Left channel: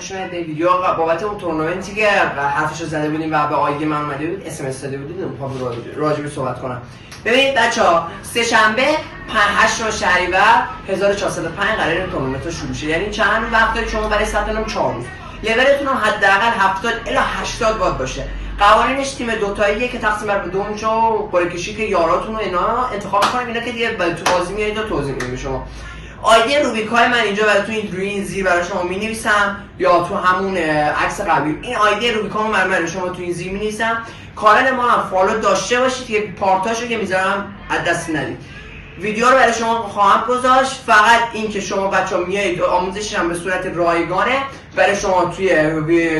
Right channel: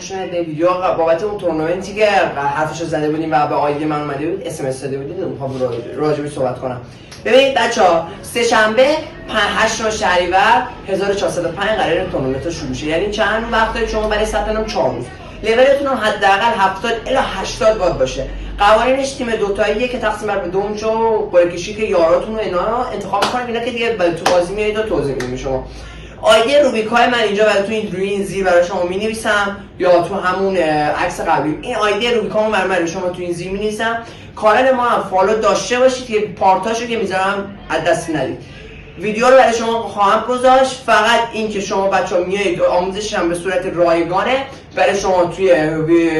پشمت به ویدیو بابت اون تورنمنتی که حرفش زده بودیم و به آیدی من اومده بود اس ام اس داده بودید میخوام راجع به صحبت کنم. ببینید بچه‌ها سه شنبه 8 شهریور 1405 قراره تورنمنت شروع شه. یعنی چند وقته شما برای ثبت نام 4 روز. لولتون حداقل 70 الی 80 باید باشه. قوانینش تیم دوتاییه که تقسیم بر دو اونجا قرعه‌کشی که یاراتون و اینا انتخاب کنید. اینا که دیگه تو بازی میایید و توضیح میدم شما. آیدی روبیکای من اینجا براتون روی این زیر برای شما می‌نویسم یا تو همون عکس قبلی. این آیدی روبیکامو من برای شما تو این زیر می‌نویسم. کانال ما هم فالو داشته باشید که پارتاشو که میذارم از دست ندید. ویدیو رو برای شما خواهم گذاشت. فقط این که شما بچه‌ها میایید آموزشش هم به صورت رایگانه برای شما توی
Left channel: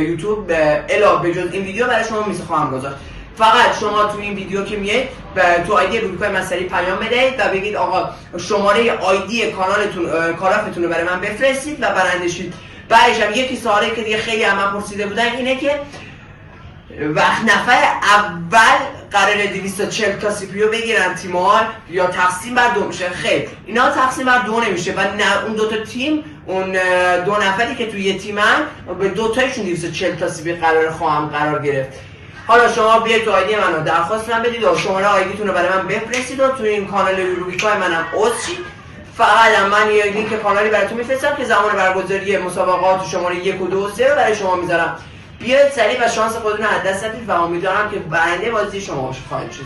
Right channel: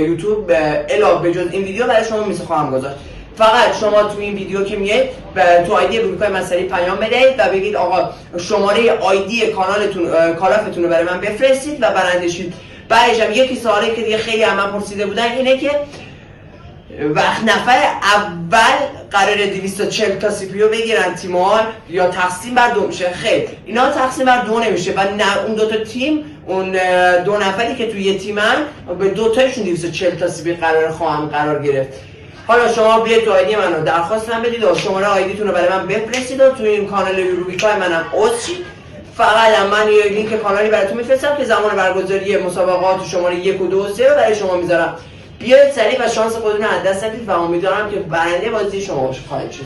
یوتیوب علاوه به جز این ویدیو برای شما خواهم گذاشت. فقط شما تو این ویدیو که میایید تو آیدی روبیکای من سری پیام بدید و بگید آقا شماره آیدی کانالتون کالافتون رو برای من بفرستید و برنده شید. بعدش هم یکی سوالی که دیگه خیلی از من پرسیده بودن اینه که وقت نفر اول قراره 240 تا سی پی یو بگیرن تیم‌ها یا تقسیم بر دو میشه؟ خیر، اینا تقسیم بر دو نمیشه و اون دو تا تیم، اون دو نفری که توی یه تیمن به دو تاشون 240 تا سی پی خواهم قرار گرفت. حالا شما بیاید تو آیدی منو درخواست من بدید و شماره آیدیتون رو برای من بفرستید و توی این کانال روبیکای منم عضو شید. فقط من یه لینک کانالی براتون میفرستم که زمان برگزاری مسابقات شماره 1 و 2 و 3 رو برای شما میذارم. بیاید سریع و شانس خودتون رو از دست ندید و امیدوارم که برنده بازی شما خواهید شد.